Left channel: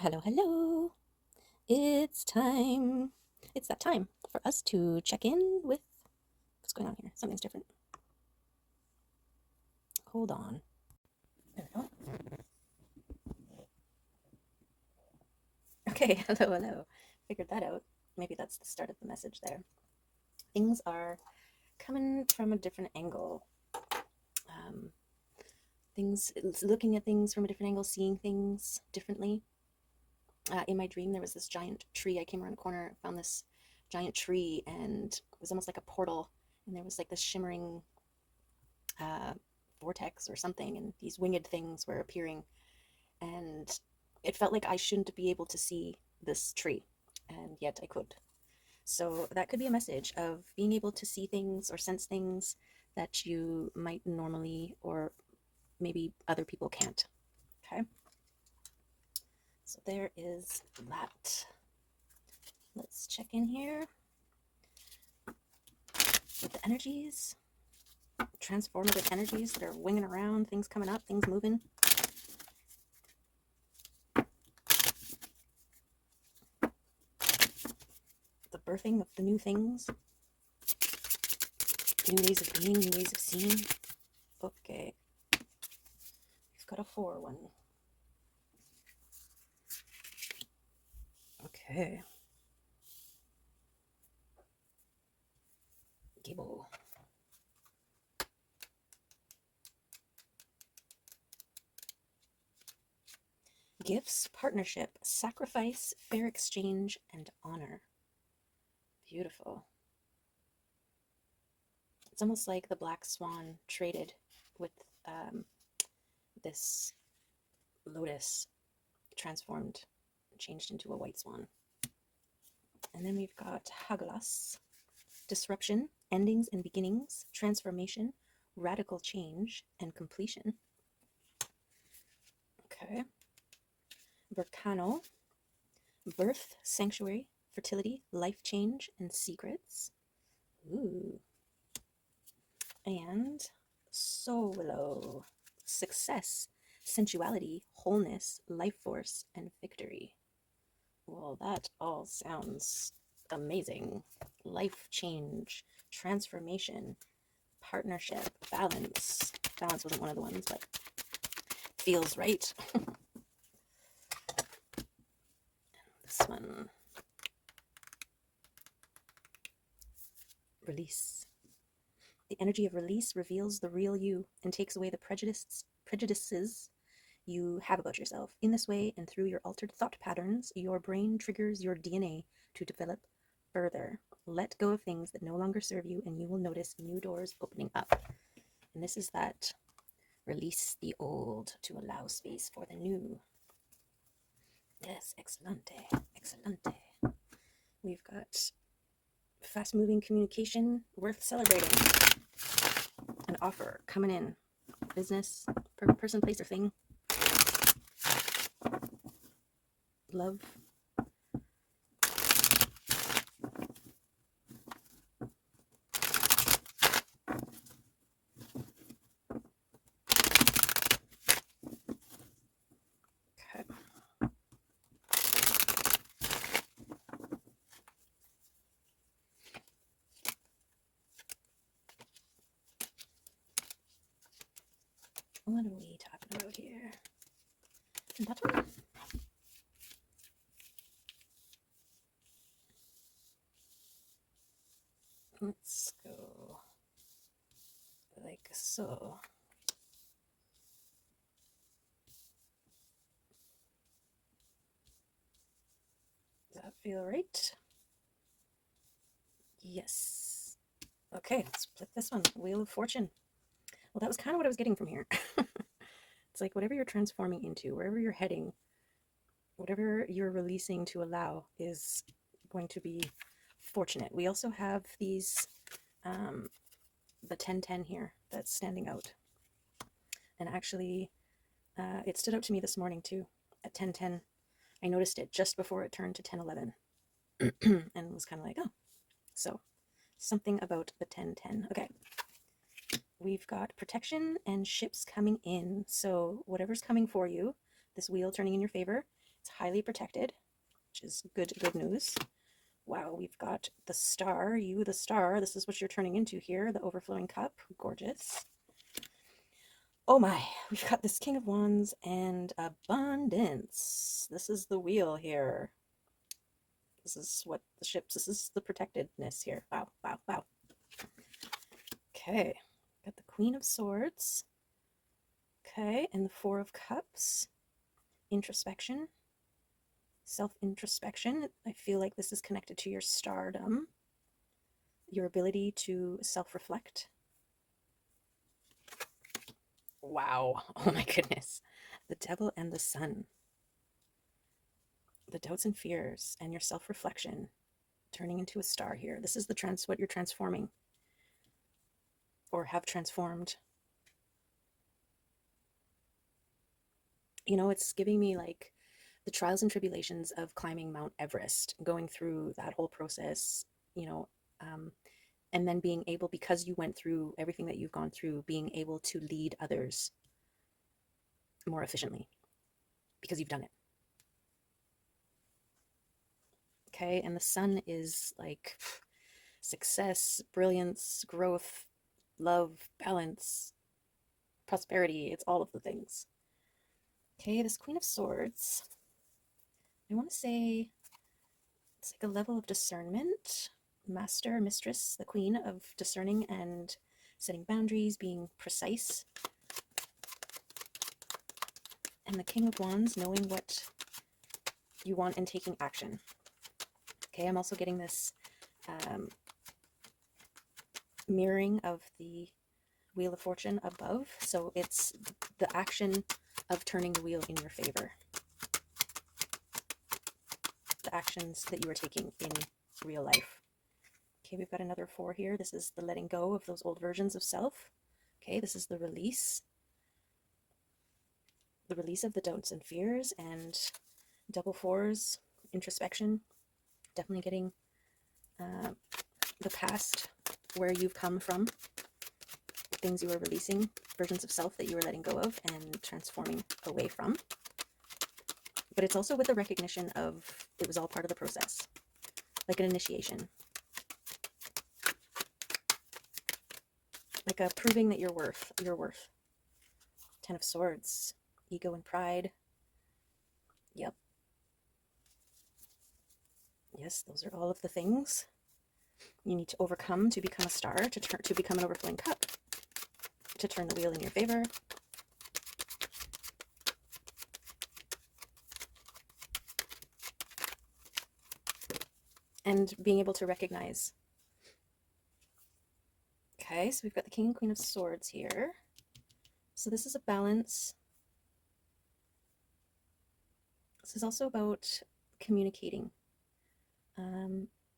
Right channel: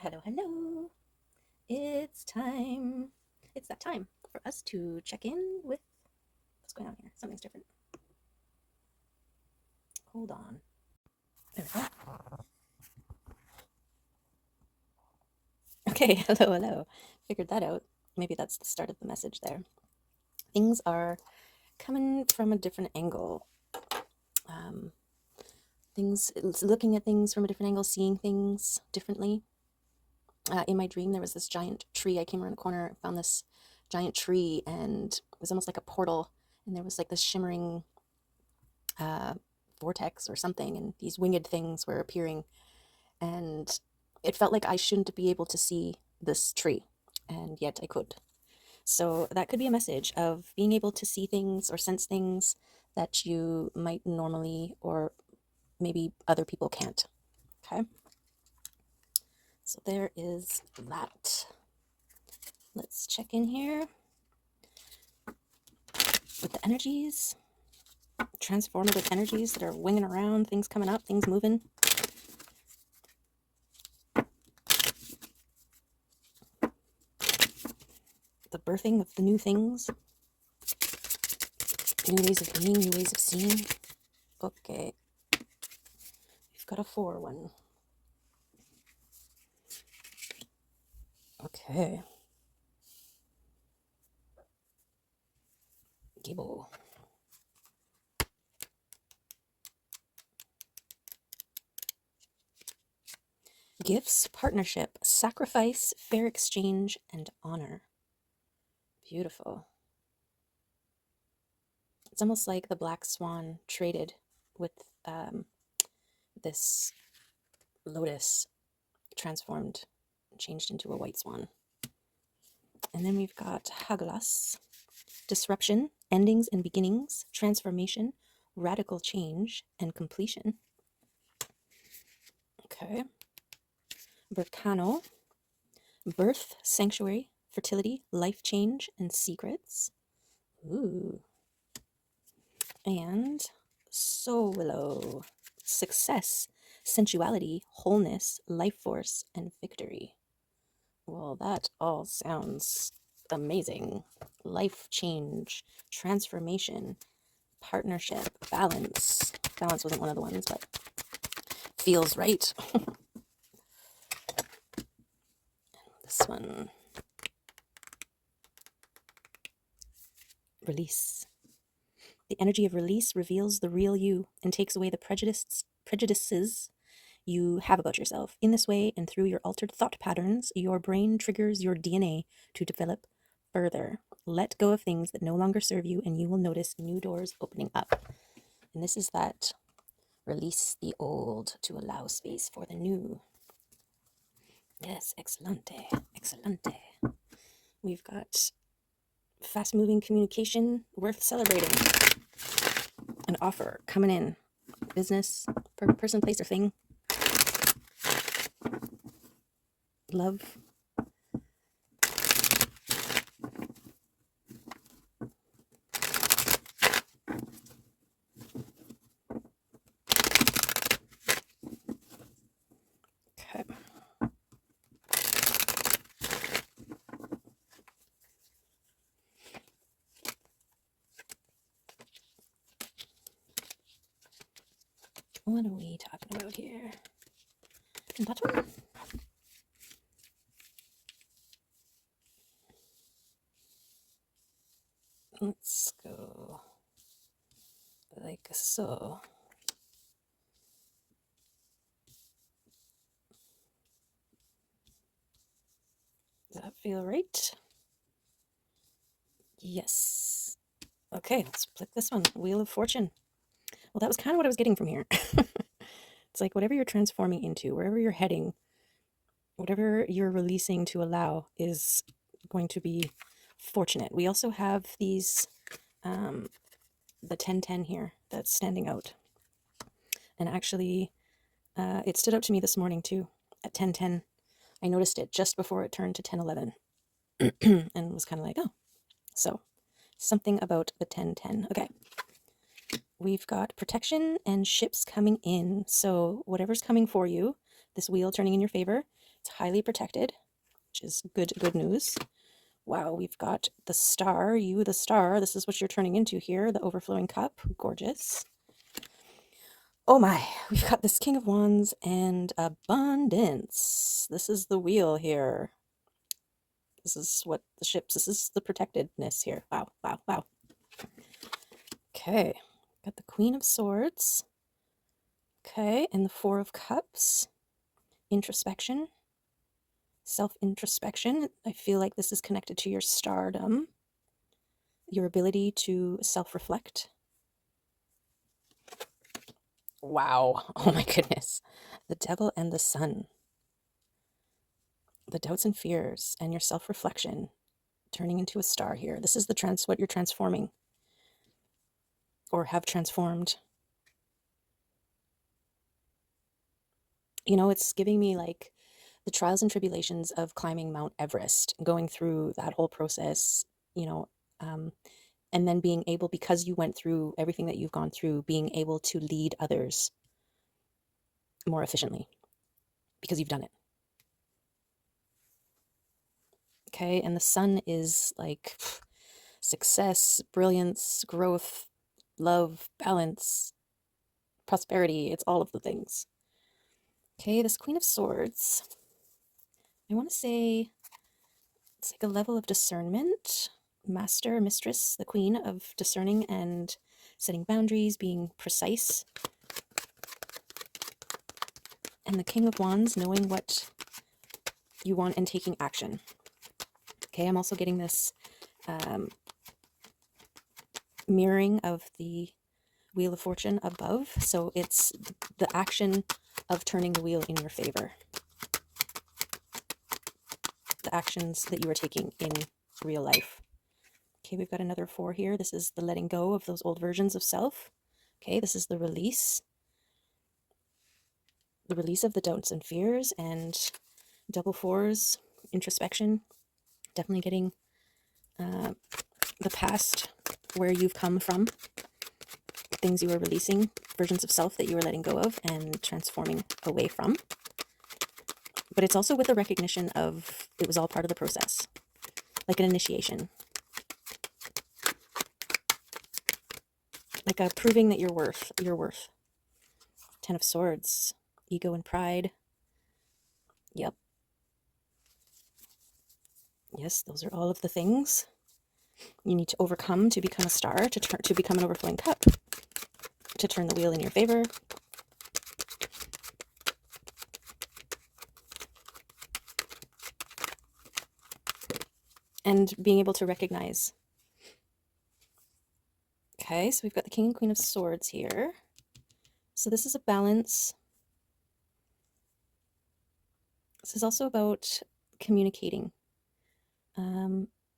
Hello, hello. It's time. It's that time for us to check in with what's going on here. Something's different. Hold on. There we go. Okay, hello, hello. Figured that out. Maybe that's the start of the message there. Things are coming from a different angle. Um, looking at things from a different angle, seeing things differently. In my dream, there was this giant tree. I came around a corner, found this giant tree, and it was almost like a portal. And there was like this shimmering uh, vortex or something, and these winged things were appearing. And it felt like I shouldn't be able to see this tree, and yet I could. So that could be a message of being able to see things or sense things that you might normally, or maybe other people can't. Okay. So there is that. Let's check in here with the energies, transformative energies that are winging around, things coming up, things moving. The birthing of the new things, new ways of being, new ways of seeing. Okay. We've got a 4-1. Okay. Gable. Gifts, partnership, sacrifice, fair exchange, and honor. Beautiful. It's almost like the black swan traded with this lotus, transformed, changed into a white swan. And then we've got Haglas, disruption, endings and beginnings, transformation, radical change, and completion. Okay. Berkano, birth, sanctuary, fertility, life change, and secrets. Ooh. And Solo, success, sensuality, wholeness, life force, and victory. Well, that all sounds amazing. Life change, transformation, partnership, balance. Balance wasn't one of the ones, but feels right. This one. Release. The energy of release reveals the real you and takes away the prejudices you have about yourself. In this way, and through your altered thought patterns, your brain triggers your DNA to develop further. Let go of things that no longer serve you, and you will notice new doors opening up. And this is that release the old to allow space for the new. Yes, excelente, excelente. We've got fast moving communication worth celebrating. An offer coming in. Business, person, place, or thing. Love. Okay. What are we talking about here? That one? Let's go like so. Does that feel right? Yes. Okay, let's flip this one. Wheel of Fortune. Well, that was kind of what I was getting from here. It's like whatever you're transforming into, wherever you're heading, whatever you're releasing to allow is going to be fortunate. We also have these, the 1010 here that's standing out. And actually, it stood out to me this morning too at 1010. I noticed it just before it turned to 1011 and was kind of like, oh, so something about the 1010. Okay. We've got protection and ships coming in. So whatever's coming for you, this wheel turning in your favor, It's highly protected, which is good news. Wow, we've got the star, you the star. This is what you're turning into here, the overflowing cup. Gorgeous. Oh my, we've got this King of Wands and abundance. This is the wheel here. This is what the ships, this is the protectedness here. Wow, wow, wow. Okay, got the Queen of Swords. Okay, and the Four of Cups. Introspection. Self-introspection. I feel like this is connected to your stardom, your ability to self-reflect. Wow. Oh my goodness. The Devil and the Sun. The doubts and fears and your self-reflection turning into a star here. This is the what you're transforming or have transformed. You know, it's giving me like the trials and tribulations of climbing Mount Everest, going through that whole process, you know, and then being able, because you went through everything that you've gone through, being able to lead others more efficiently because you've done it. Okay, and the sun is like success, brilliance, growth, love, balance, prosperity. It's all of the things. Okay, this Queen of Swords, I want to say it's like a level of discernment. Master, mistress, the queen of discerning and setting boundaries, being precise. And the King of Wands, knowing what you want and taking action. Okay, I'm also getting this mirroring of the Wheel of Fortune above. So it's the action of turning the wheel in your favor. The actions that you are taking in real life. Okay, we've got another 4 here. This is the letting go of those old versions of self. Okay, this is the release. The release of the doubts and fears, and double 4s, introspection. Definitely getting the past, where you've come from, things you were releasing, versions of self that you were letting go of and transforming away from. But it's also with the recognition of it was all part of the process, like an initiation, like a proving that you're worth. 10 of Swords, ego and pride. Yep. Yes, those are all of the things you need to overcome to become a star, to become an overflowing cup, to turn the wheel in your favor. And being able to recognize. Okay, so we've got the King and Queen of Swords here. So this is a balance. This is also about communicating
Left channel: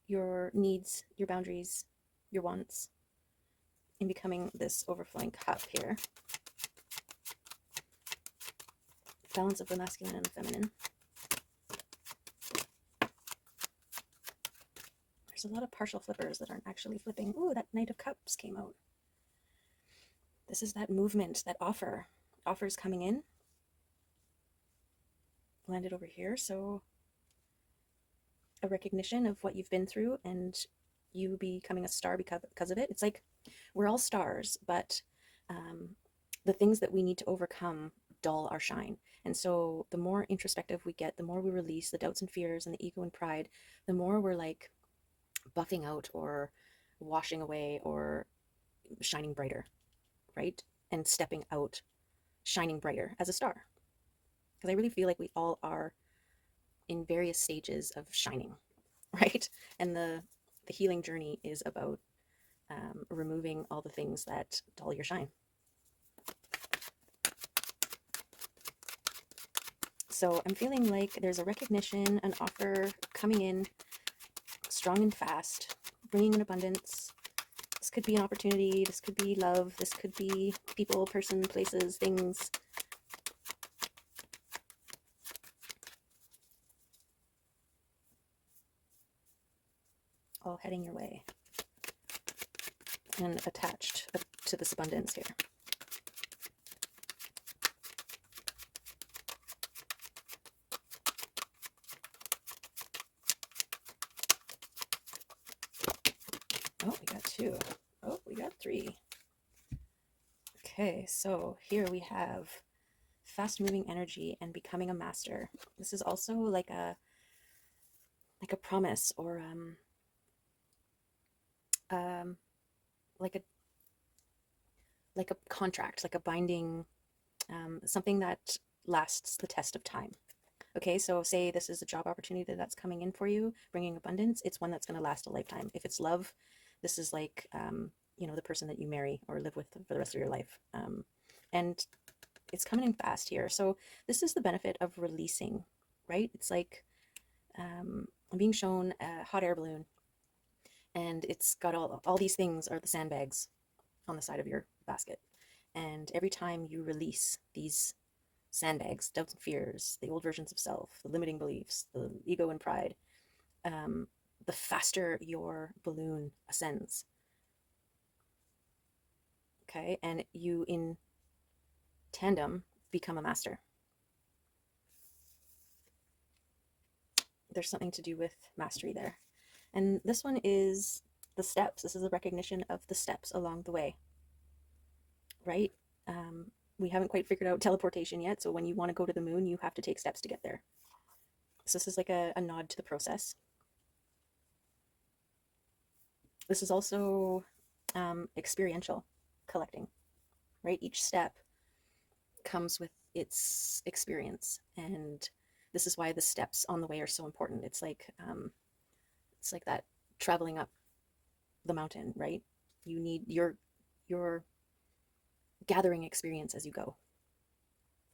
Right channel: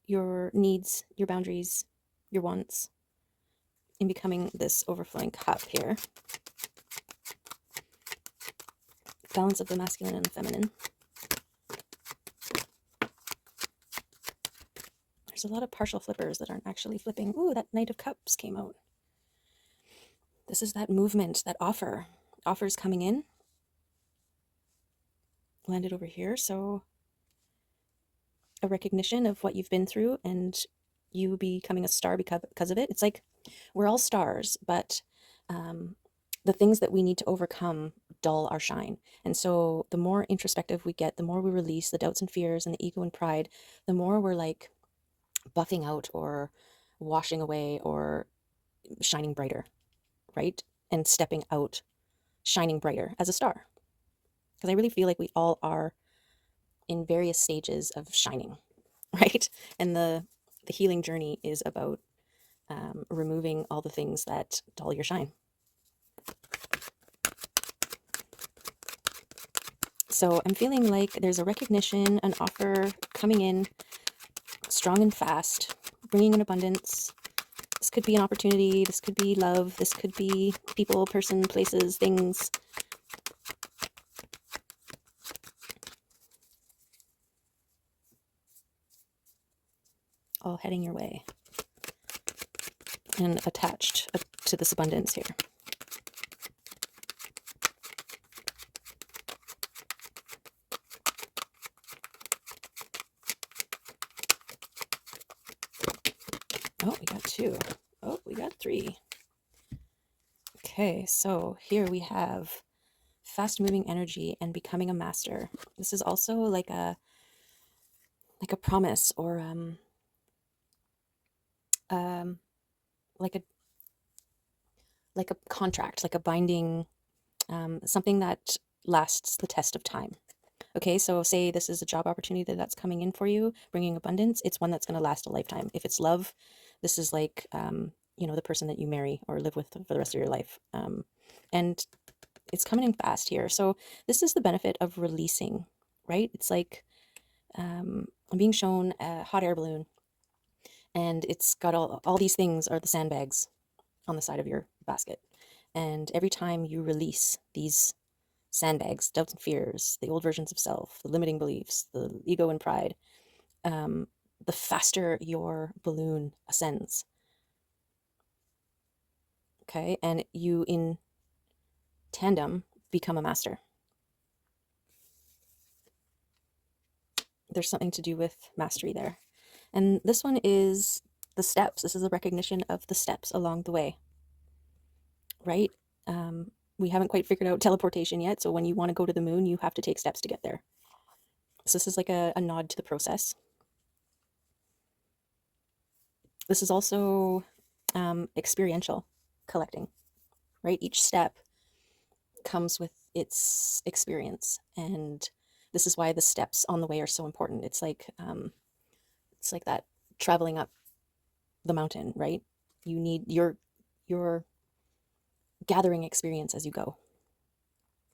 your needs, your boundaries, your wants, in becoming this overflowing cup here. Balance of the masculine and the feminine. There's a lot of partial flippers that aren't actually flipping. Ooh, that Knight of Cups came out. This is that movement, that offers coming in. Landed over here, so a recognition of what you've been through and you becoming a star because of it. It's like we're all stars, but the things that we need to overcome dull our shine. And so the more introspective we get, the more we release the doubts and fears and the ego and pride, the more we're like buffing out or washing away or shining brighter, right? And stepping out, shining brighter as a star. Because I really feel like we all are in various stages of shining, right? And the healing journey is about removing all the things that dull your shine. So I'm feeling like there's a recognition, an offer coming in strong and fast, bringing in abundance. This could be an opportunity. This could be love. This could be people, person, places, things. All heading your way and attached to this abundance here. Oh, we got 2. Oh, we got 3. Okay, so here we have fast moving energy and becoming a master. This is also like a promise, or um like a contract, like a binding, something that lasts the test of time. Okay, so say this is a job opportunity that's coming in for you, bringing abundance. It's one that's going to last a lifetime. If it's love, this is like, the person that you marry or live with for the rest of your life. And it's coming in fast here. So this is the benefit of releasing, right? It's like, I'm being shown a hot air balloon, and it's got all these things are the sandbags on the side of your basket. And every time you release these sandbags, doubts and fears, the old versions of self, the limiting beliefs, the ego and pride, um, the faster your balloon ascends. Okay, and you in tandem become a master. There's something to do with mastery there. And this one is the steps. This is a recognition of the steps along the way, right? We haven't quite figured out teleportation yet. So when you want to go to the moon, you have to take steps to get there. So this is like a nod to the process. This is also experiential collecting, right? Each step comes with its experience, and this is why the steps on the way are so important. It's like that traveling up the mountain, right? You need your gathering experience as you go,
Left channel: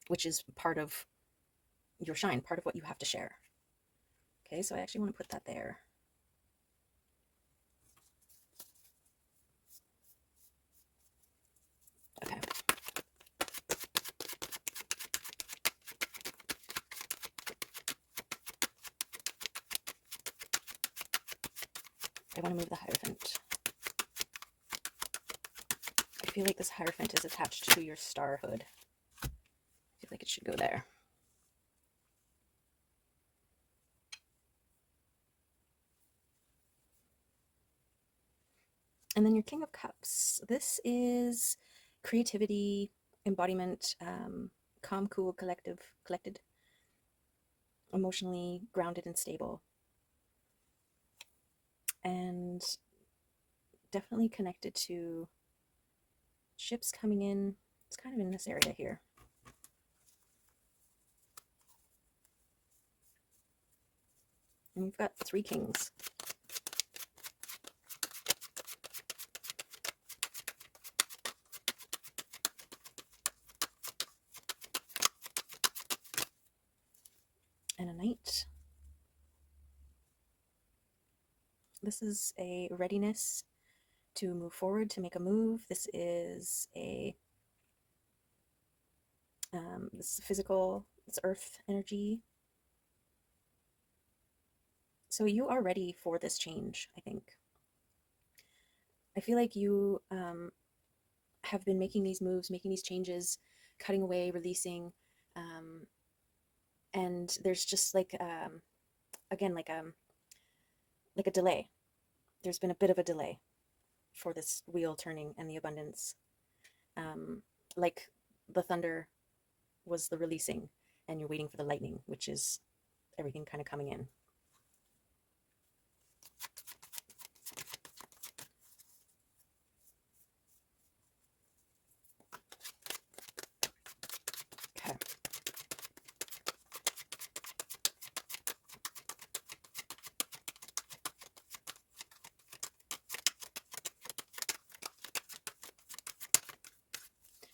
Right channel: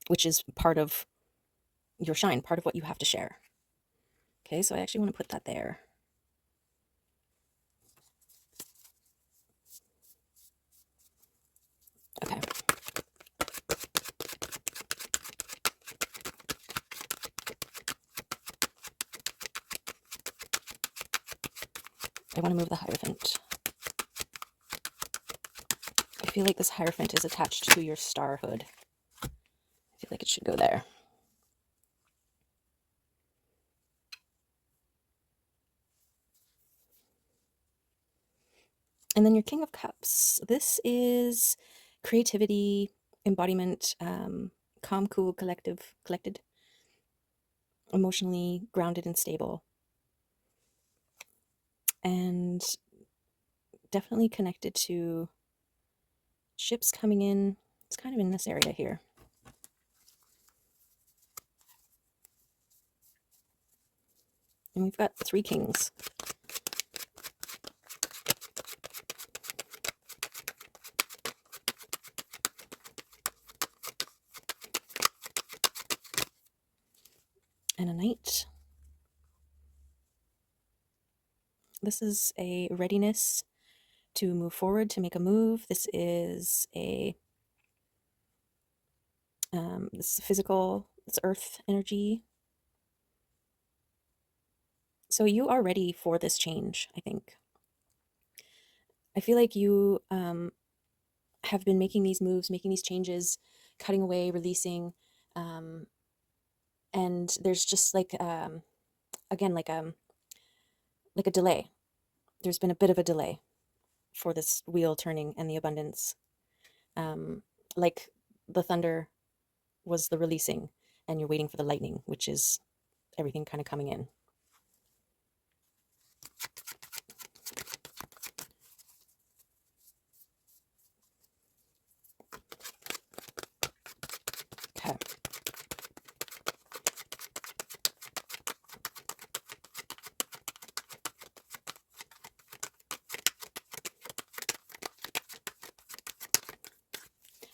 which is part of your shine, part of what you have to share. Okay, so I actually want to put that there. Okay. I want to move the Hierophant. I feel like this Hierophant is attached to your starhood. I feel like it should go there. And then your King of Cups. This is creativity, embodiment, calm, cool, collected, emotionally grounded and stable. And definitely connected to ships coming in. It's kind of in this area here. And we've got 3 kings. And a knight. This is a readiness to move forward, to make a move. This is this is physical, it's earth energy. So you are ready for this change, I think. I feel like you have been making these moves, making these changes, cutting away, releasing, and there's just like again like a delay. There's been a bit of a delay for this wheel turning and the abundance. Like the thunder was the releasing, and you're waiting for the lightning, which is everything kind of coming in. Okay.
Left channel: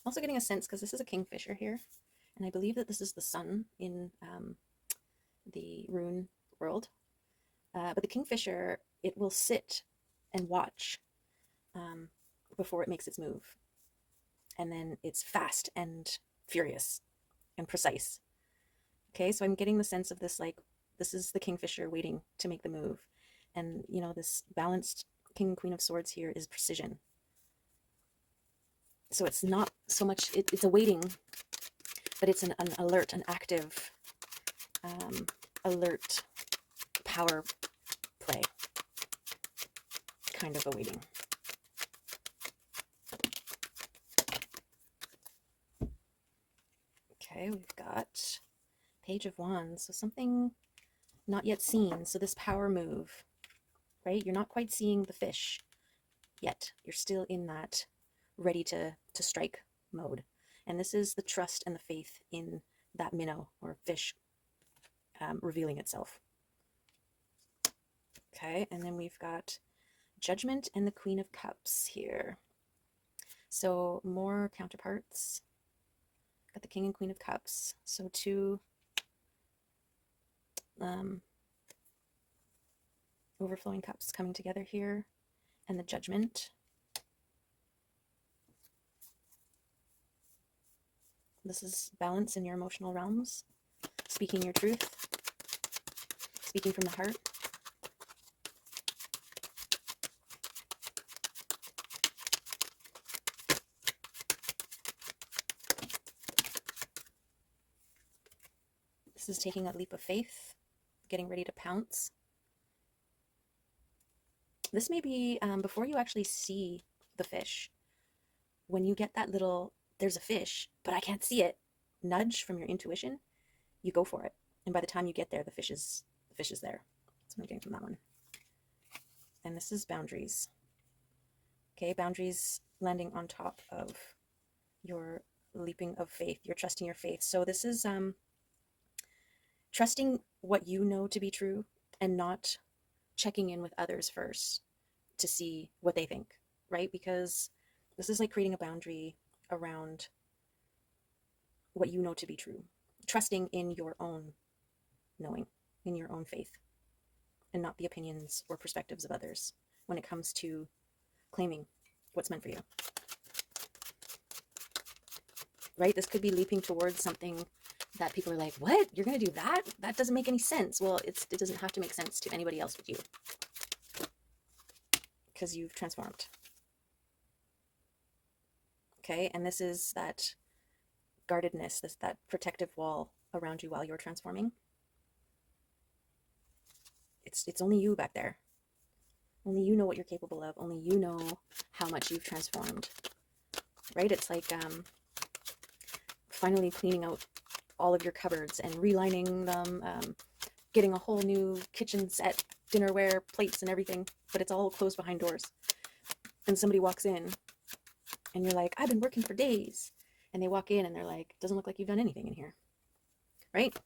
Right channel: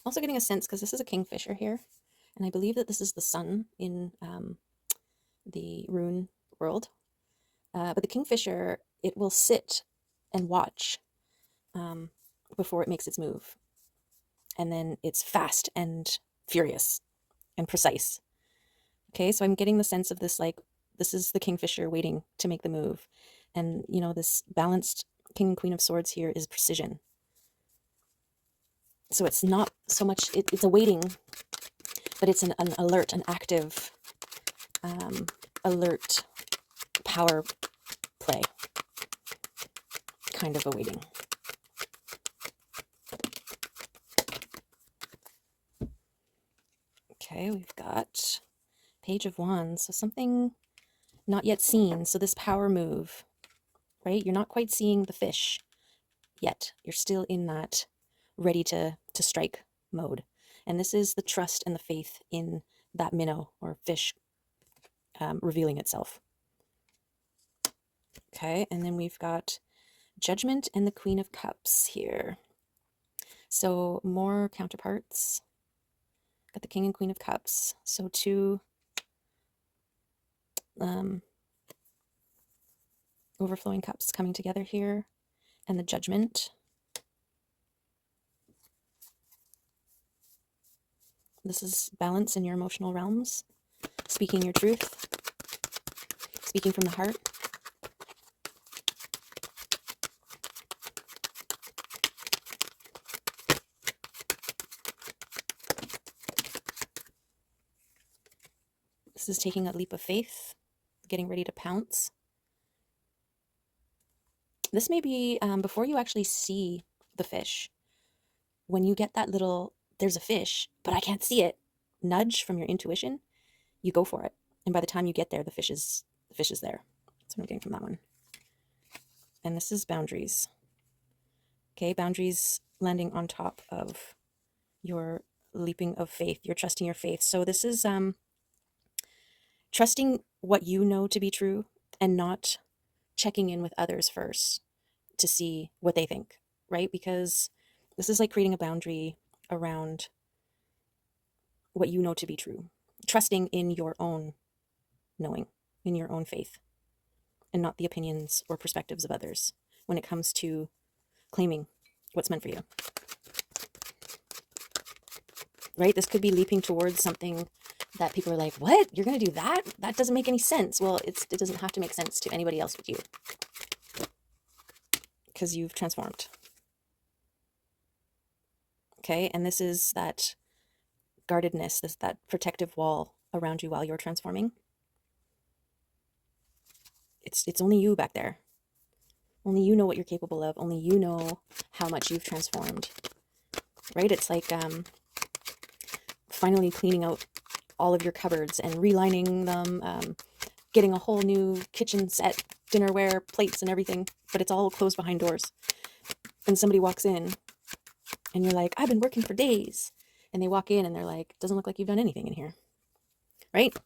Also getting a sense, because this is a kingfisher here, and I believe that this is the sun in the rune world. But the kingfisher, it will sit and watch before it makes its move. And then it's fast and furious and precise. Okay, so I'm getting the sense of this, like, this is the kingfisher waiting to make the move. And, this balanced king and queen of swords here is precision. So it's not so much, it's a waiting, but it's an alert, an active, alert power play kind of awaiting. Okay, we've got Page of Wands. So something not yet seen. So this power move, right? You're not quite seeing the fish yet. You're still in that ready to strike mode. And this is the trust and the faith in that minnow or fish revealing itself. Okay, and then we've got Judgment and the Queen of Cups here. So more counterparts. Got the King and Queen of Cups. So two overflowing cups coming together here. And the Judgment. This is balance in your emotional realms. Speaking your truth. Speaking from the heart. This is taking a leap of faith, getting ready to pounce. This may be before you actually see the fish. When you get that little, there's a fish, but I can't see it, nudge from your intuition, you go for it. And by the time you get there, the fish is there. That's what I'm getting from that one. And this is boundaries. Okay, boundaries landing on top of your leaping of faith. You're trusting your faith. So this is trusting what you know to be true and not checking in with others first to see what they think, right? Because this is like creating a boundary around what you know to be true, trusting in your own knowing, in your own faith, and not the opinions or perspectives of others when it comes to claiming what's meant for you, right? This could be leaping towards something that people are like, what? You're going to do that? That doesn't make any sense. Well, it doesn't have to make sense to anybody else but you, because you've transformed. Okay, and this is that guardedness, that protective wall around you while you're transforming. It's only you back there. Only you know what you're capable of. Only you know how much you've transformed, right? It's like finally cleaning out all of your cupboards and relining them, getting a whole new kitchen set, dinnerware, plates and everything, but it's all closed behind doors. And somebody walks in and you're like, I've been working for days. And they walk in and they're like, doesn't look like you've done anything in here, right?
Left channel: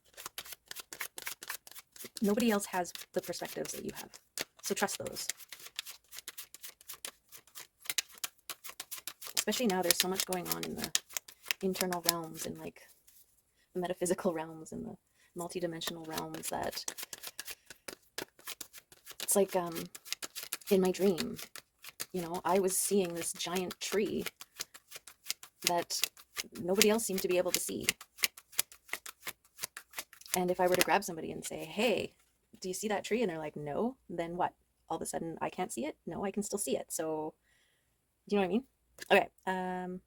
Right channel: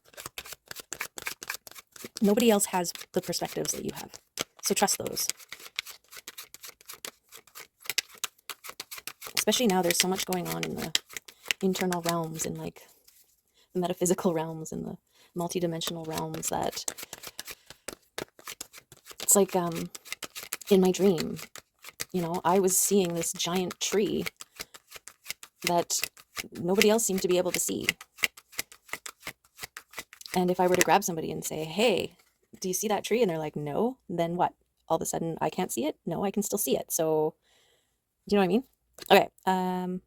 Nobody else has the perspectives that you have. So trust those. Especially now, there's so much going on in the internal realms and like the metaphysical realms and the multidimensional realms that it's like in my dream, you know, I was seeing this giant tree that nobody else seemed to be able to see. And if I were to grab somebody and say, hey, do you see that tree? And they're like, no, then what? All of a sudden I can't see it? No, I can still see it. So, do you know what I mean? Okay,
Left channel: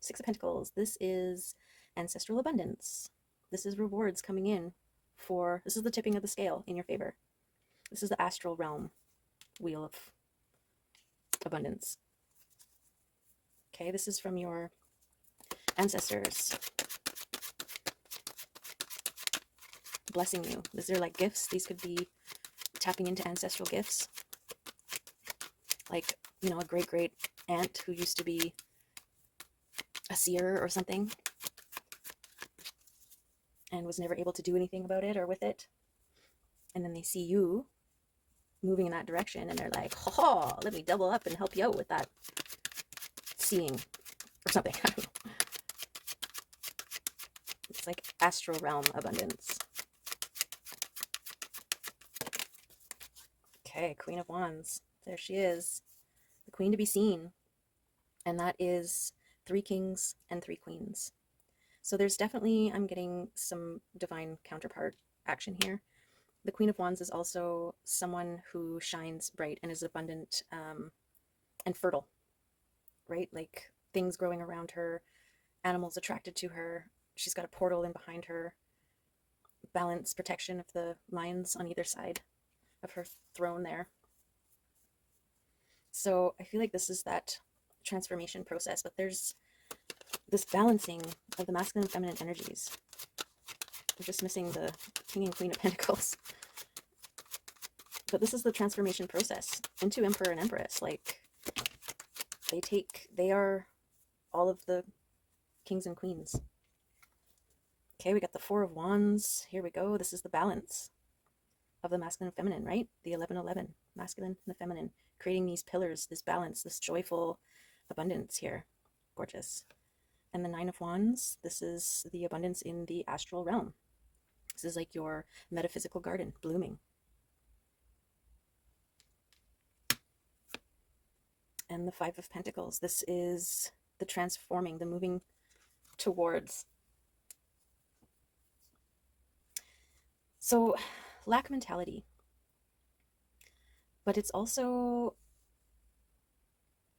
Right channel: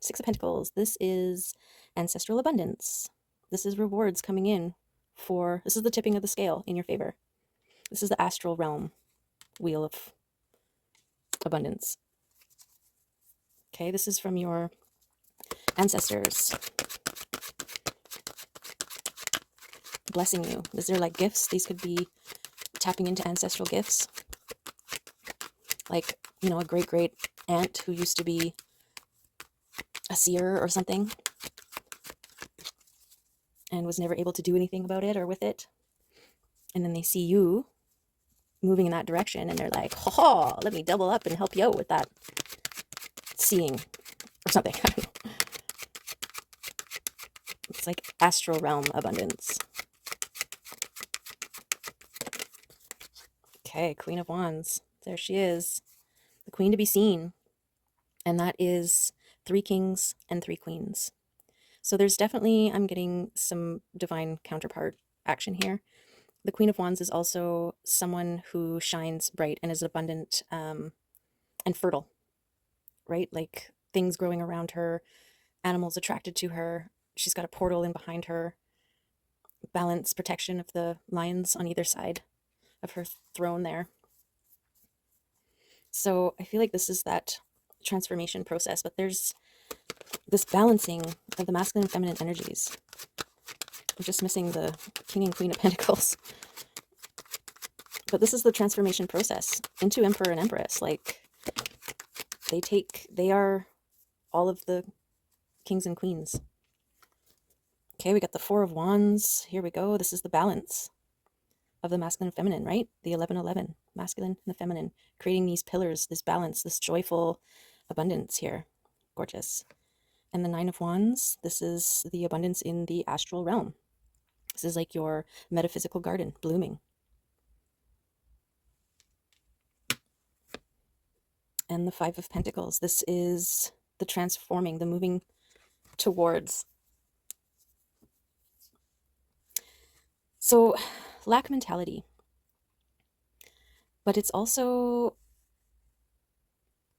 Six of Pentacles. This is ancestral abundance. This is rewards coming in for, this is the tipping of the scale in your favor. This is the astral realm wheel of abundance. Okay, this is from your ancestors blessing you. These are like gifts. These could be tapping into ancestral gifts. Like, you know, a great aunt who used to be a seer or something and was never able to do anything about it or with it. And then they see you moving in that direction and they're like, ha, let me double up and help you out with that seeing or something. I don't know. It's like astral realm abundance. Okay, Queen of Wands. There she is. The queen to be seen. And that is 3 kings and 3 queens. So there's definitely, I'm getting some divine counterpart action here. The Queen of Wands is also someone who shines bright and is abundant and fertile, right? Like things growing around her, animals attracted to her. She's got a portal in behind her. Balance, protection of the lions on either side of her throne there. So I feel like this is that transformation process, but there's this balancing of the masculine and feminine energies. I'm just missing the King and Queen of Pentacles. But this is the transformation process into Emperor and Empress. Like, they are all of the kings and queens. Okay, we got the Four of Wands. Here we go. This is the balance of the masculine and feminine, right? The 1111, masculine and the feminine, creating these pillars, this balance, this joyful abundance here. Gorgeous. And the Nine of Wands, this is the abundance in the astral realm. This is like your metaphysical garden blooming. And the Five of Pentacles, this is the transforming, the moving towards. So, lack mentality. But it's also,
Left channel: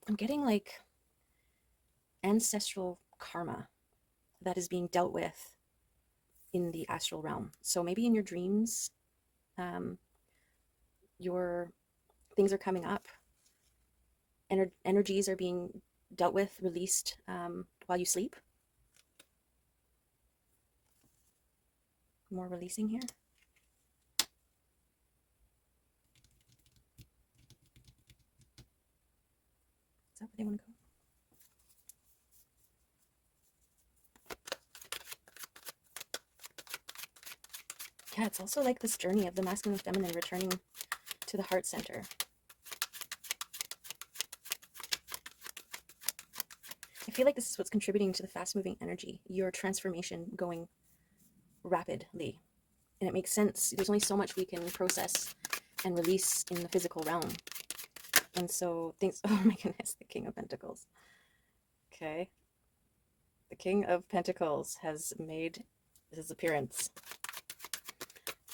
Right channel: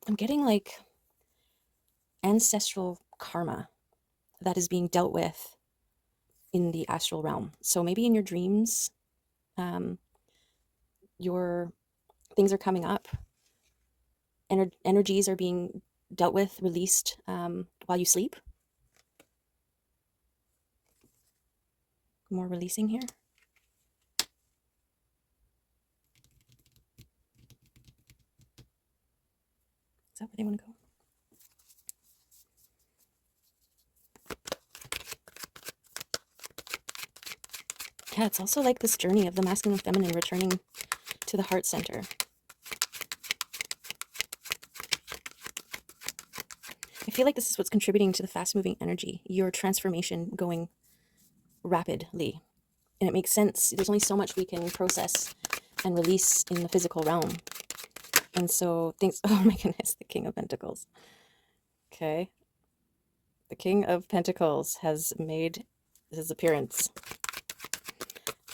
I'm getting like ancestral karma that is being dealt with in the astral realm. So maybe in your dreams, your things are coming up. Energies are being dealt with, released while you sleep. More releasing here. Is that where they want to go? Yeah, it's also like this journey of the masculine and feminine returning to the heart center. I feel like this is what's contributing to the fast-moving energy, your transformation going rapidly. And it makes sense. There's only so much we can process and release in the physical realm. And so things, oh my goodness, the King of Pentacles. Okay. The King of Pentacles has made his appearance.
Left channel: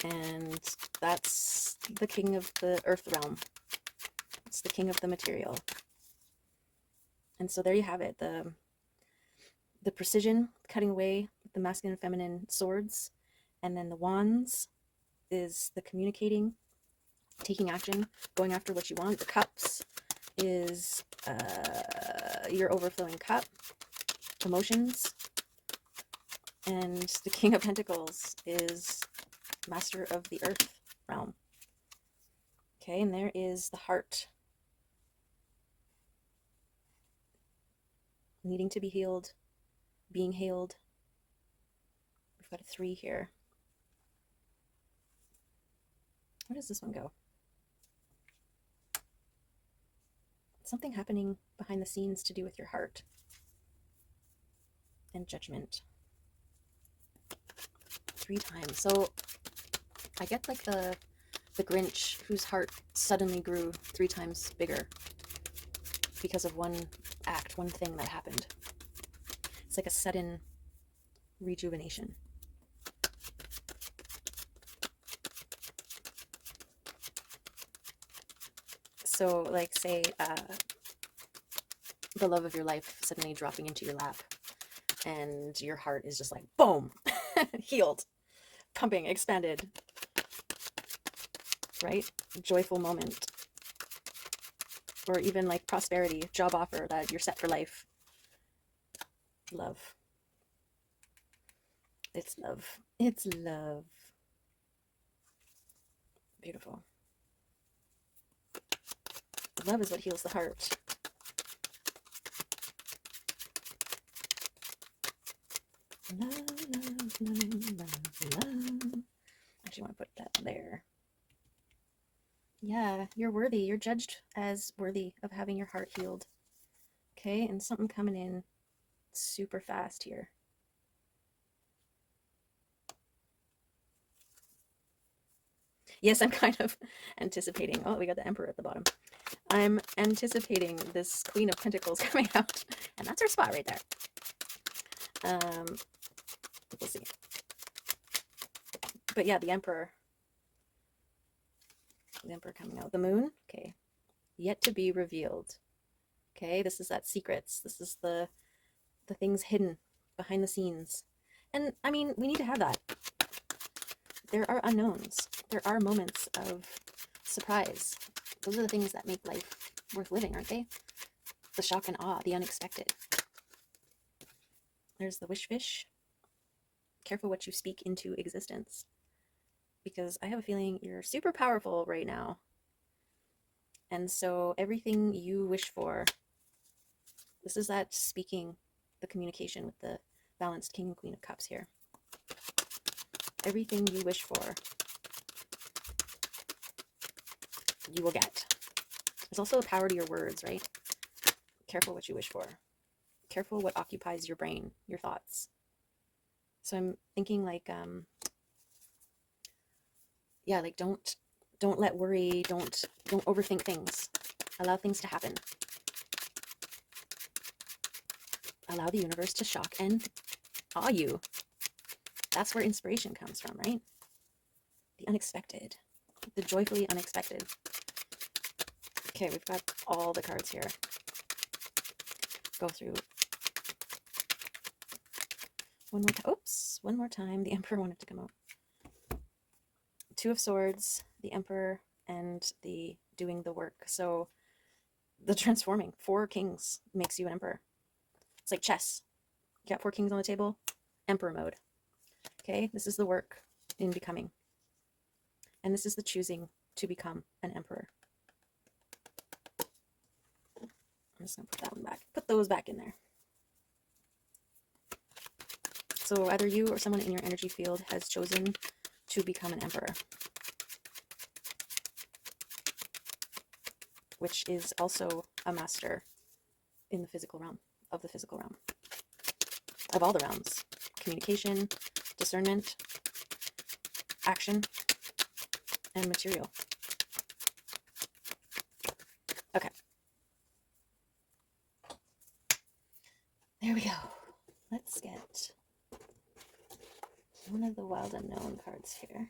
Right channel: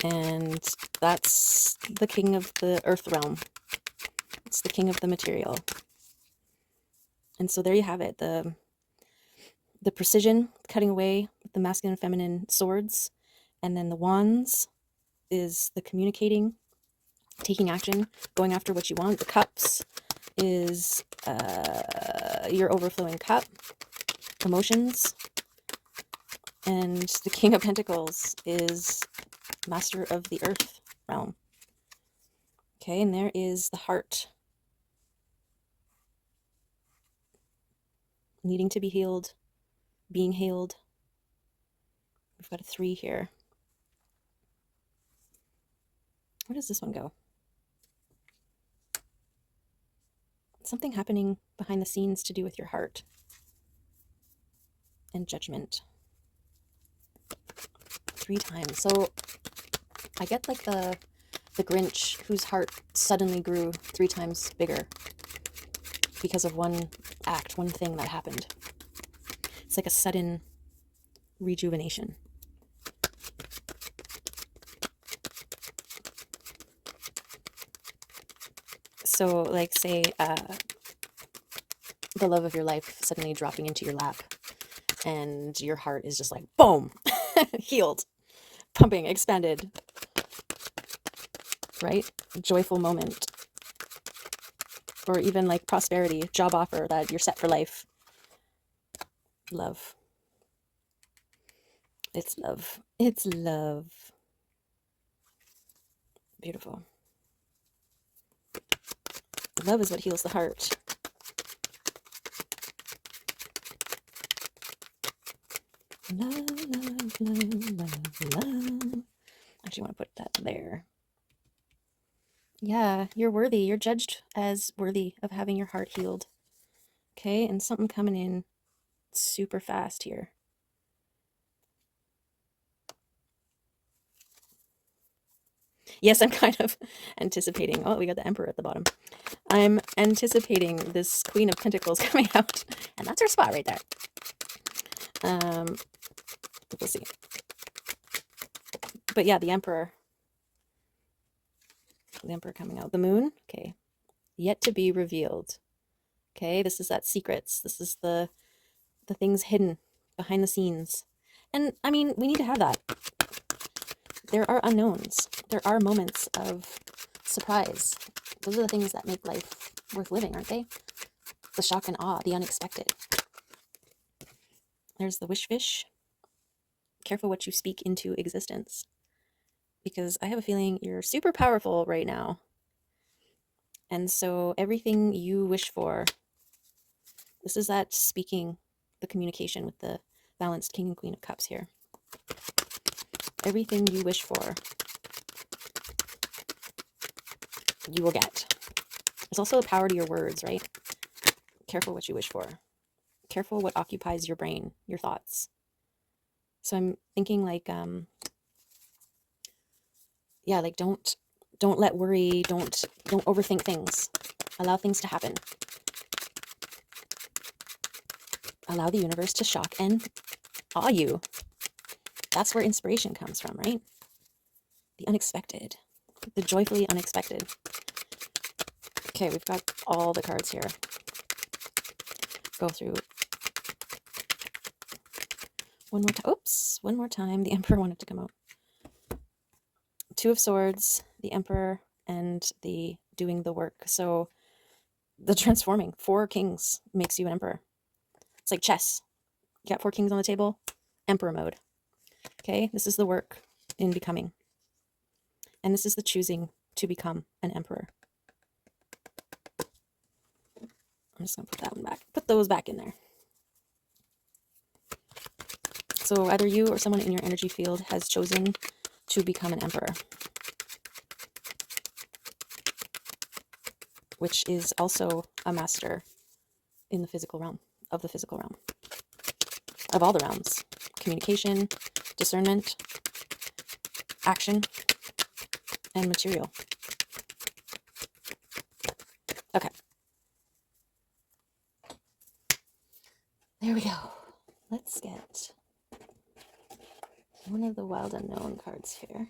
And that's the king of the earth realm. It's the king of the material. And so there you have it. The precision, cutting away the masculine and feminine swords. And then the wands is the communicating, taking action, going after what you want. The cups is your overflowing cup, emotions. And the King of Pentacles is master of the earth realm. Okay, and there is the heart needing to be healed, being healed. We've got a 3 here. Where does this one go? Something happening behind the scenes to do with your heart and judgment. 3 times. So I get like the Grinch whose heart suddenly grew 3 times bigger because of one act, one thing that happened. It's like a sudden rejuvenation. So like say the love of your life suddenly dropping into your lap and your heart is just like boom, healed, pumping, expanded, right? A joyful moment. Or even like prosperity, job offer that you're set for life. Love. It's love. It's love. Beautiful. Love is what heals the heart. Love, love, love, love, love. Actually, I want to put that there. Yeah, you're worthy. You're judged as worthy of having your heart healed. Okay, and something coming in super fast here. Yes, I'm kind of anticipating. Oh, we got the Emperor at the bottom. I'm anticipating this Queen of Pentacles coming out, and that's her spot right there. We'll see. But yeah, the Emperor coming out. The Moon, okay, yet to be revealed. Okay, this is that secrets. This is the things hidden behind the scenes. And I mean, we need to have that. There are unknowns. there are moments of surprise. Those are the things that make life worth living, aren't they? The shock and awe, the unexpected. There's the wish fish. Careful what you speak into existence. Because I have a feeling you're super powerful right now. And so everything you wish for, this is that speaking, the communication with the balanced King and Queen of Cups here. Everything you wish for, you will get. There's also a power to your words, right? Careful what you wish for. Careful what occupies your brain, your thoughts. So I'm thinking like, like don't let worry, don't overthink things. Allow things to happen. Allow the universe to shock and awe you. That's where inspiration comes from, right? The unexpected, the joyfully unexpected. Okay, we've got all the cards here. Go through one more time. Oops, one more time. The Emperor wanted to come out. Two of Swords, the Emperor, and the doing the work. So the transforming. 4 kings makes you an emperor. It's like chess. You got 4 kings on the table. Emperor mode. Okay, this is the work in becoming. And this is the choosing to become an emperor. I'm just going to put that one back. Put those back in there. So either you or someone in your energy field has chosen to become an emperor, which is also a master in the physical realm, of the physical realm, of all the realms. Communication, discernment, action, and material. Okay. There we go. Let's get one of the wild unknown cards here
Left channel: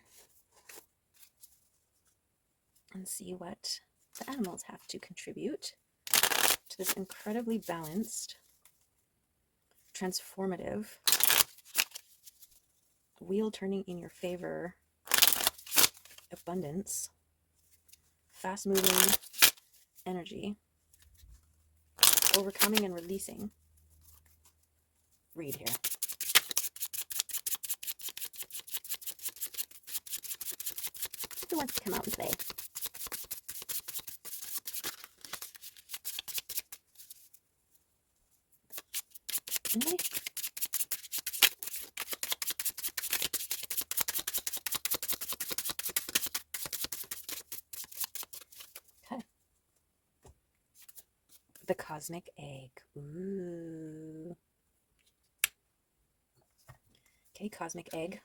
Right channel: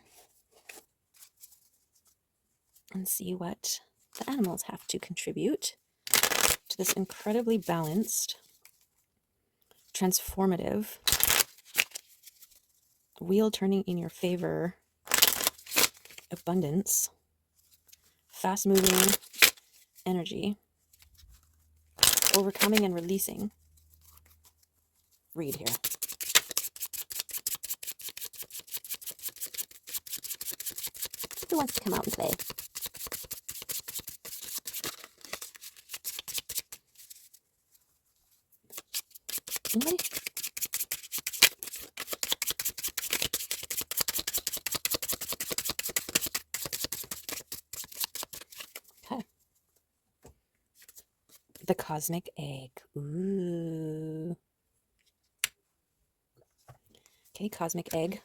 and see what the animals have to contribute to this incredibly balanced, transformative, wheel turning in your favor, abundance, fast moving energy, overcoming and releasing. Read here. Who wants to come out and play? Anybody? Okay. The cosmic egg. Ooh. Okay, cosmic egg.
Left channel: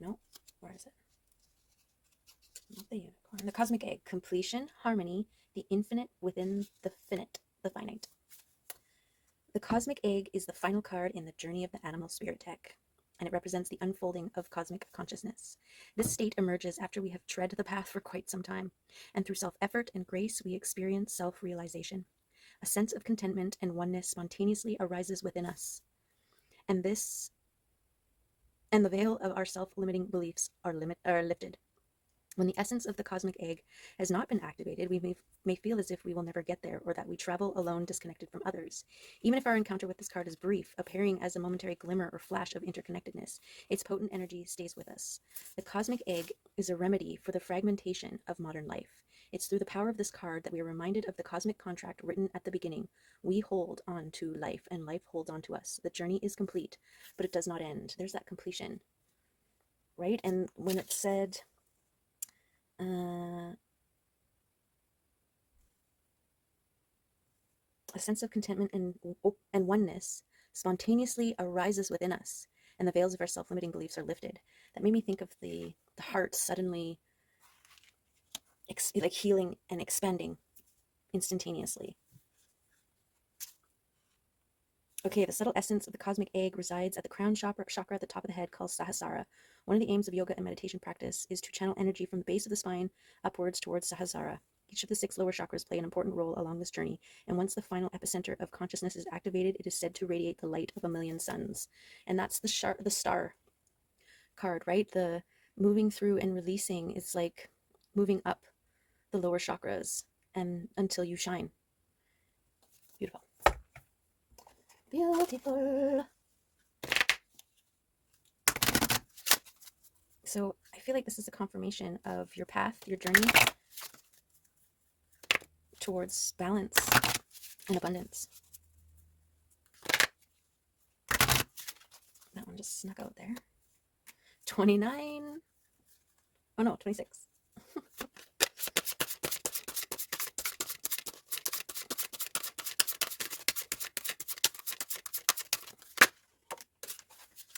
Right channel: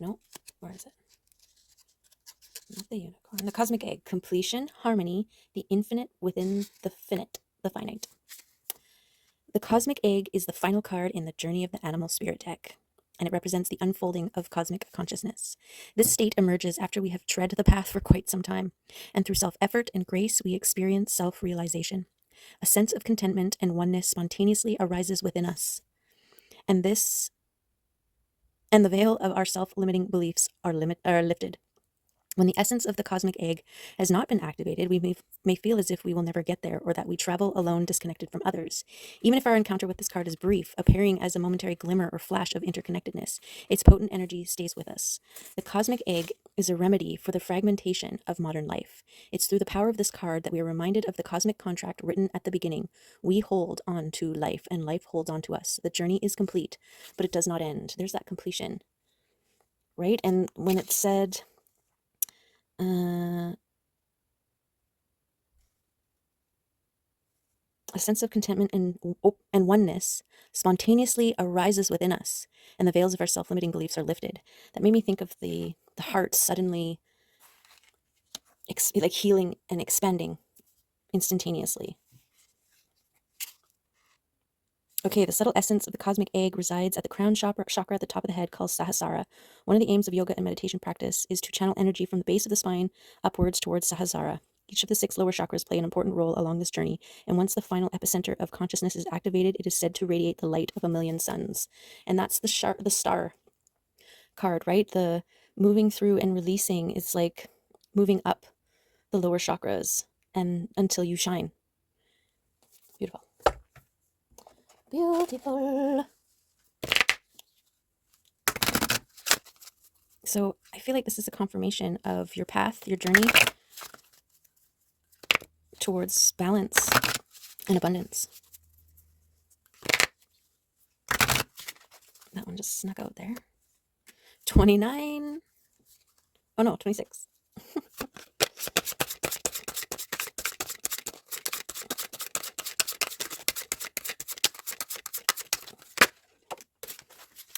No, where is it? Not the unicorn. The cosmic egg. Completion, harmony, the infinite within the finite, the finite. The cosmic egg is the final card in the Journey of the Animal Spirit deck, and it represents the unfolding of cosmic consciousness. This state emerges after we have tread the path for quite some time, and through self-effort and grace we experience self-realization. A sense of contentment and oneness spontaneously arises within us, and the veil of our self-limiting beliefs are lifted. When the essence of the cosmic egg has not been activated, we may feel as if we will never get there, or that we travel alone, disconnected from others. Even if our encounter with this card is brief, appearing as a momentary glimmer or flash of interconnectedness, its potent energy stays with us. The cosmic egg is a remedy for the fragmentation of modern life. It's through the power of this card that we are reminded of the cosmic contract written at the beginning. We hold on to life, and life holds on to us. The journey is complete, but it does not end. There's that completion, right? And when it said... a sense of contentment and oneness spontaneously arises within us, and the veils of our self-limiting beliefs are lifted. That made me think of the heart suddenly like healing and expanding instantaneously. Okay, the subtle essence of the cosmic egg resides at the crown chakra at the top of the head, called Sahasrara. One of the aims of yoga and meditation practice is to channel energy from the base of the spine upwards towards Sahasrara. Each of the 6 lower chakras play an important role along this journey, and once the final epicenter of consciousness is activated, it is said to radiate the light of a million suns. And that's the star card, right? The moving through and releasing is like moving up the lower chakras and until you shine. Beautiful. Beautiful. So I feel like this is a confirmation of your path, your journey towards balance and abundance. That one just snuck out there. 29. Oh no, 26.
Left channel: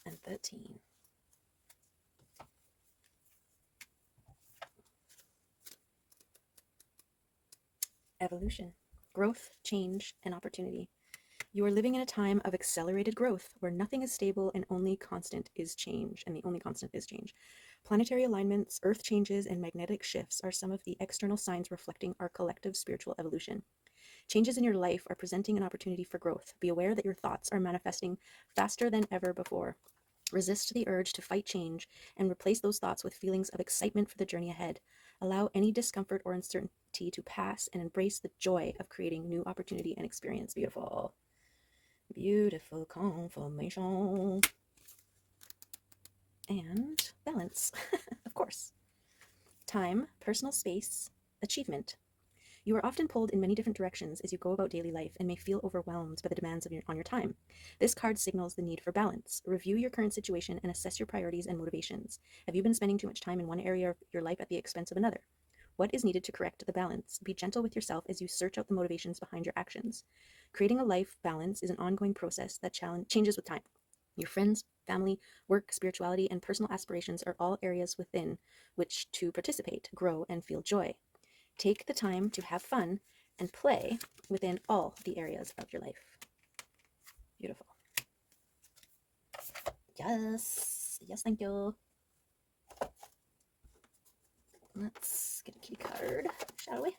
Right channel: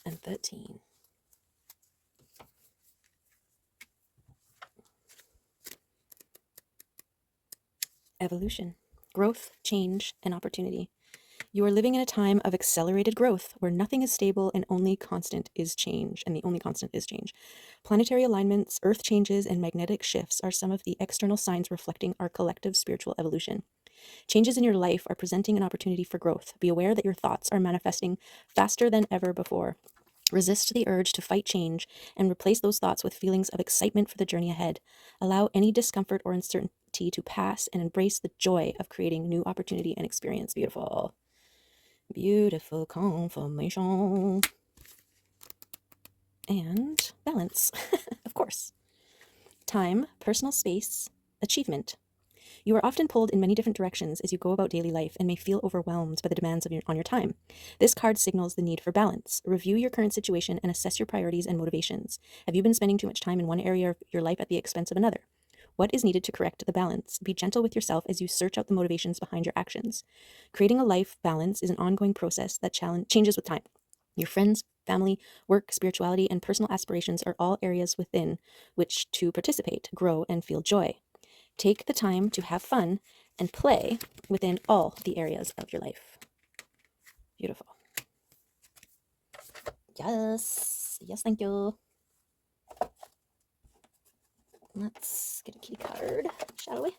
And 13. Evolution, growth, change, and opportunity. You are living in a time of accelerated growth where nothing is stable and only constant is change, and the only constant is change. Planetary alignments, earth changes, and magnetic shifts are some of the external signs reflecting our collective spiritual evolution. Changes in your life are presenting an opportunity for growth. Be aware that your thoughts are manifesting faster than ever before. Resist the urge to fight change and replace those thoughts with feelings of excitement for the journey ahead. Allow any discomfort or uncertainty to pass and embrace the joy of creating new opportunity and experience. Beautiful. Beautiful confirmation. And balance, of course. Time, personal space, achievement. You are often pulled in many different directions as you go about daily life and may feel overwhelmed by the demands on your time. This card signals the need for balance. Review your current situation and assess your priorities and motivations. Have you been spending too much time in one area of your life at the expense of another? What is needed to correct the balance? Be gentle with yourself as you search out the motivations behind your actions. Creating a life balance is an ongoing process that changes with time. Your friends, family, work, spirituality, and personal aspirations are all areas within which to participate, grow, and feel joy. Take the time to have fun and play within all the areas of your life. Beautiful. Yes. Yes, thank you. Let's get a kitty card, shall we?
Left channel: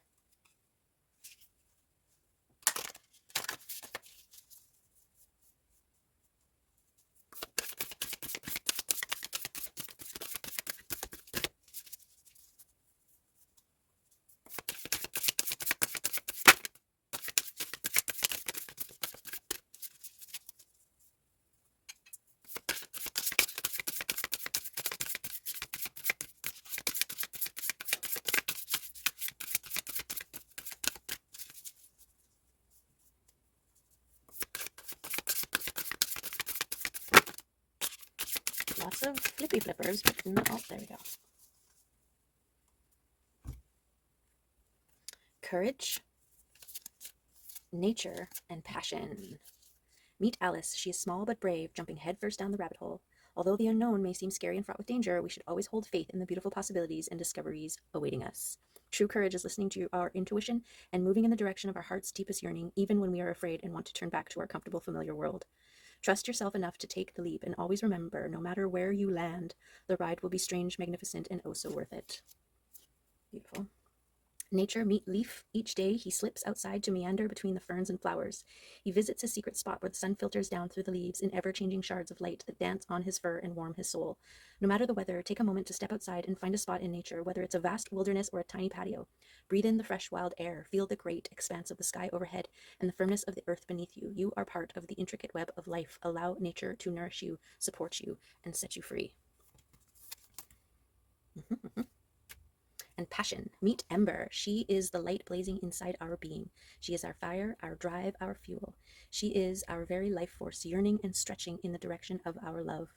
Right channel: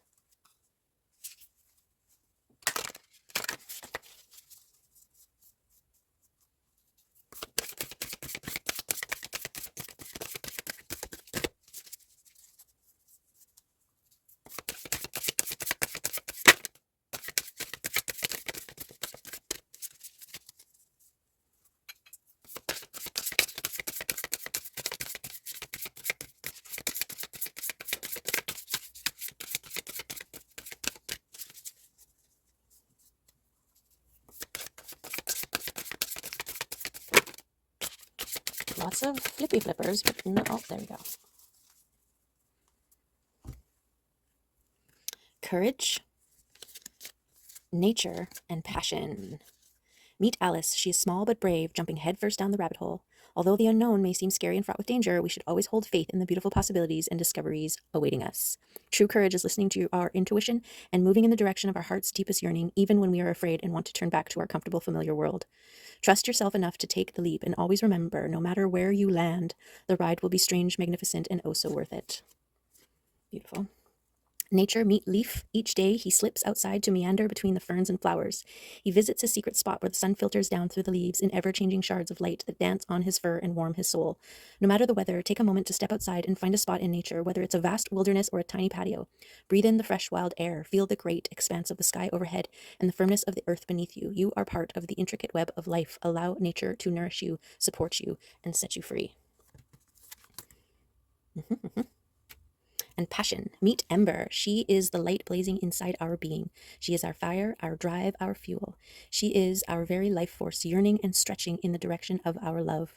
Lots of flippy flippers, but no, oh, there we go. Courage, nature, and passion. Meet Alice. She is small but brave, jumping headfirst down the rabbit hole. Although the unknown may seem scary and fraught with danger, we should always hold faith in the beautiful possibilities and discoveries awaiting us. True courage is listening to our intuition and moving in the direction of our heart's deepest yearning, even when we are afraid and want to turn back to our comfortable, familiar world. Trust yourself enough to take the leap, and always remember, no matter where you land, the ride will be strange, magnificent, and oh so worth it. Beautiful. Nature, meet Leaf. Each day he slips outside to meander between the ferns and flowers. He visits a secret spot where the sun filters down through the leaves in ever-changing shards of light that dance on his fur and warm his soul. No matter the weather, take a moment to step outside and find a spot in nature, whether it's a vast wilderness or a tiny patio. Breathe in the fresh wild air, feel the great expanse of the sky overhead and the firmness of the earth beneath you. You are part of the intricate web of life. Allow nature to nourish you, support you, and set you free. And passion. Meet Ember. She is the light blazing inside our being. She is our fire, our drive, our fuel. She is our very life force, yearning and stretching in the direction of our love.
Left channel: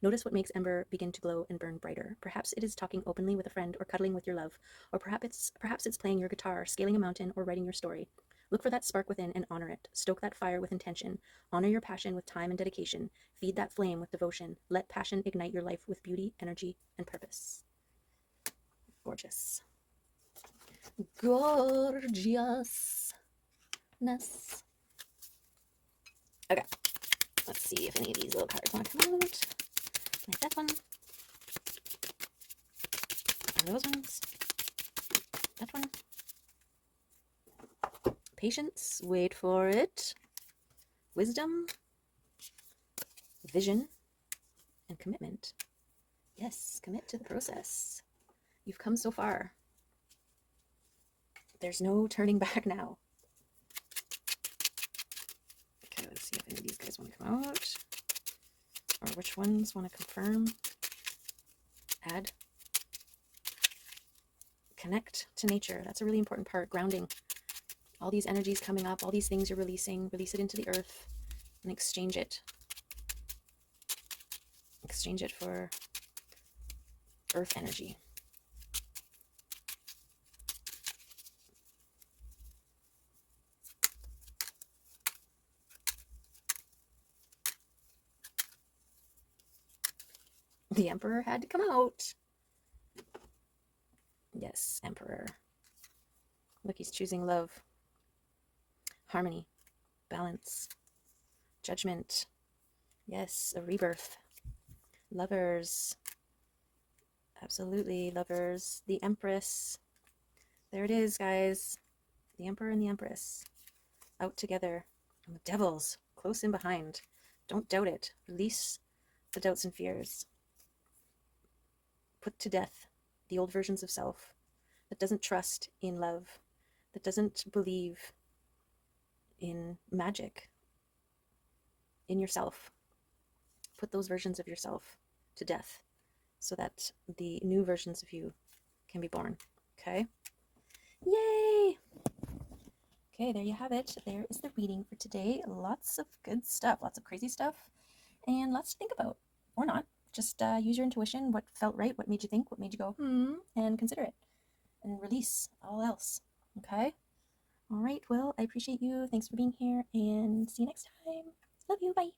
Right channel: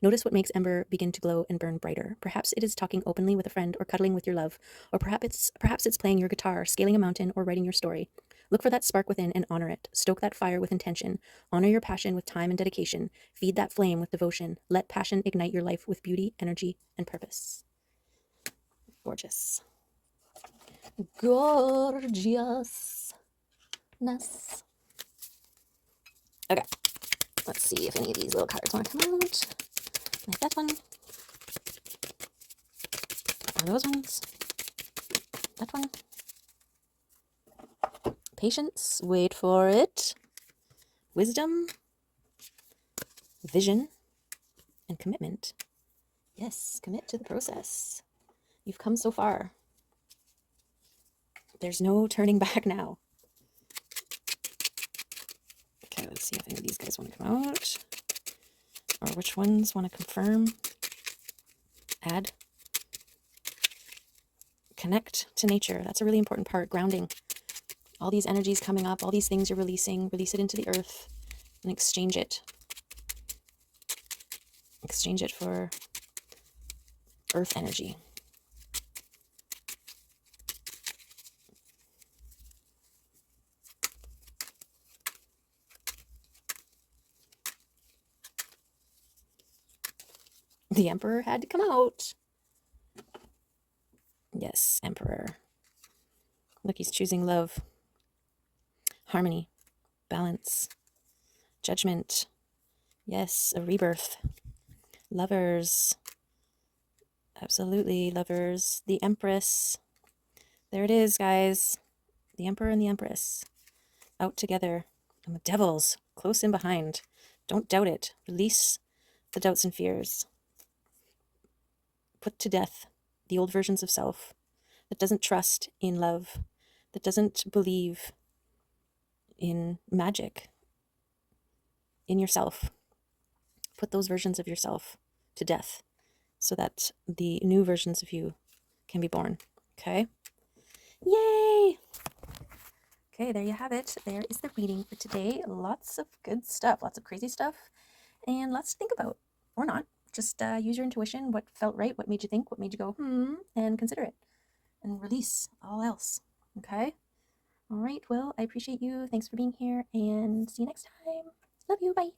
Notice what makes Ember begin to glow and burn brighter. Perhaps it is talking openly with a friend or cuddling with your love, or perhaps it's playing your guitar, scaling a mountain, or writing your story. Look for that spark within and honor it. Stoke that fire with intention. Honor your passion with time and dedication. Feed that flame with devotion. Let passion ignite your life with beauty, energy, and purpose. Gorgeous. Gorgeousness. Okay, let's see if any of these little cards want to come out. Like that one. Or those ones. That one. Patience, wait for it. Wisdom, vision, and commitment. Yes, commit to the process. You've come so far. There's no turning back now. Okay, let's see if any of these guys want to come out. Or which ones want to confirm. Add. Connect to nature. That's a really important part. Grounding. All these energies coming up, all these things you're releasing, release it into the earth and exchange it. Exchange it for earth energy. The Emperor had to come out. Yes, Emperor. Look, he's choosing love, harmony, balance, judgment. Yes, a rebirth. Lovers. Absolutely, lovers. The Empress. There it is, guys. The Emperor and the Empress. Out together. And the devils close in behind. Don't doubt it. Release the doubts and fears. Put to death the old versions of self that doesn't trust in love, that doesn't believe in magic, in yourself. Put those versions of yourself to death so that the new versions of you can be born. Okay? Yay! Okay, there you have it. There is the reading for today. Lots of good stuff, lots of crazy stuff, and lots to think about, or not. Just use your intuition, what felt right, what made you think, what made you go, and consider it. And release all else. Okay? All right, well, I appreciate you. Thanks for being here, and see you next time. Love you. Bye.